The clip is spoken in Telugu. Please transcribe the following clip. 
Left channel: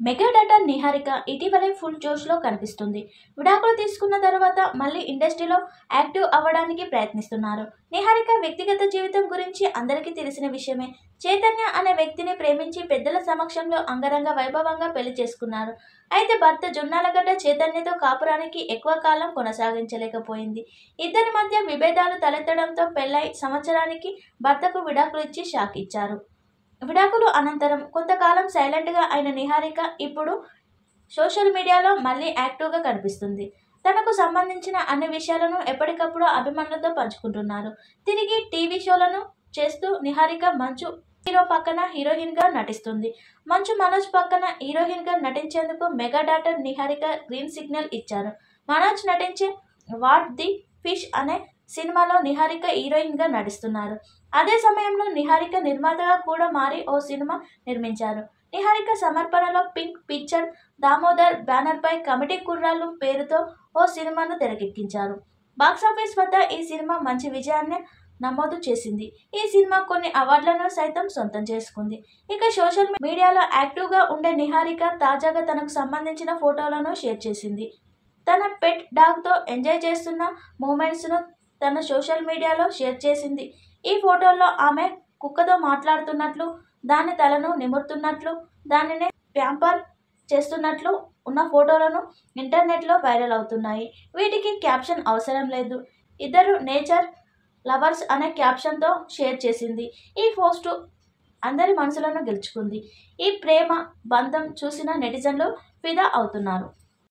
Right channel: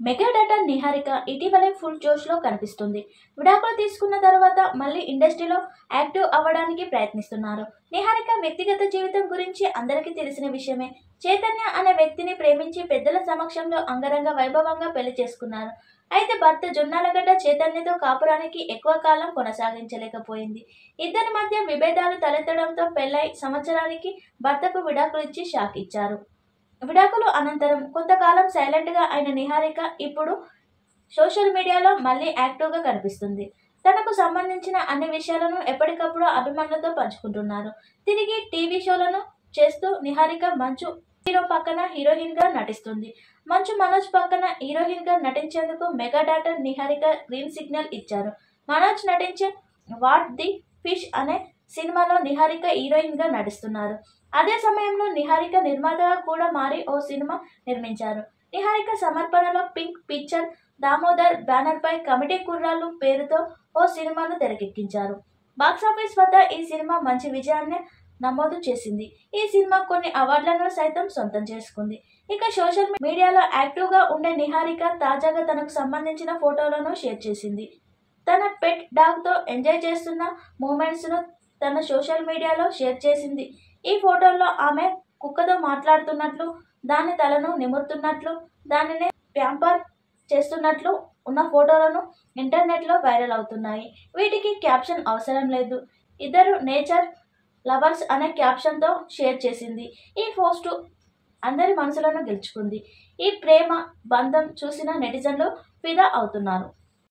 మెగా డాటర్ నిహారిక ఇటీవలే ఫుల్ జోష్లో కనిపిస్తుంది. విడాకులు తీసుకున్న తర్వాత మళ్ళీ ఇండస్ట్రీలో యాక్టివ్ అవ్వడానికి ప్రయత్నిస్తున్నారు. నిహారిక వ్యక్తిగత జీవితం గురించి అందరికీ తెలిసిన విషయమే. చైతన్య అనే వ్యక్తిని ప్రేమించి పెద్దల సమక్షంలో అంగరంగ వైభవంగా పెళ్లి చేసుకున్నారు. అయితే భర్త జొన్నాలగడ్డ చైతన్యతో కాపురానికి ఎక్కువ కాలం కొనసాగించలేకపోయింది. ఇద్దరి మధ్య విభేదాలు తలెత్తడంతో పెళ్లై సంవత్సరానికి భర్తకు విడాకులు ఇచ్చి షాక్ ఇచ్చారు. విడాకులు అనంతరం కొంతకాలం సైలెంట్గా అయిన నిహారిక ఇప్పుడు సోషల్ మీడియాలో మళ్ళీ యాక్టివ్గా కనిపిస్తుంది. తనకు సంబంధించిన అన్ని విషయాలను ఎప్పటికప్పుడు అభిమానులతో పంచుకుంటున్నారు. తిరిగి టీవీ షోలను చేస్తూ నిహారిక మంచు హీరో పక్కన హీరోయిన్గా నటిస్తుంది. మంచు మనోజ్ పక్కన హీరోయిన్గా నటించేందుకు mega daughter Niharika green signal ఇచ్చారు. మనోజ్ నటించే వాట్ ది ఫిష్ అనే సినిమాలో నిహారిక హీరోయిన్గా నటిస్తున్నారు. అదే సమయంలో నిహారిక నిర్మాతగా కూడా మారి ఓ సినిమా నిర్మించారు. నిహారిక సమర్పణలో పింక్ పిక్చర్ దామోదర్ బ్యానర్పై కమిటీ కుర్రాళ్ళు పేరుతో ఓ సినిమాను తెరకెక్కించారు. బాక్సాఫీస్ వద్ద ఈ సినిమా మంచి విజయాన్ని నమోదు చేసింది. ఈ సినిమా కొన్ని అవార్డులను సైతం సొంతం చేసుకుంది. ఇక సోషల్ మీడియాలో యాక్టివ్గా ఉండే నిహారిక తాజాగా తనకు సంబంధించిన ఫోటోలను షేర్ చేసింది. తన పెట్ డాగ్తో ఎంజాయ్ చేస్తున్న మూమెంట్స్ను తన సోషల్ మీడియాలో షేర్ చేసింది. ఈ ఫోటోల్లో ఆమె కుక్కతో మాట్లాడుతున్నట్లు, దాని తలను నిమురుతున్నట్లు, దానిని ప్యాంపర్ చేస్తున్నట్లు ఉన్న ఫోటోలను ఇంటర్నెట్లో వైరల్ అవుతున్నాయి. వీటికి క్యాప్షన్ అవసరం లేదు. ఇద్దరు నేచర్ లవర్స్ అనే క్యాప్షన్తో షేర్ చేసింది. ఈ పోస్టు అందరి మనసులను గెలుచుకుంది. ఈ ప్రేమ బంధం చూసిన నెటిజన్లు ఫిదా అవుతున్నారు.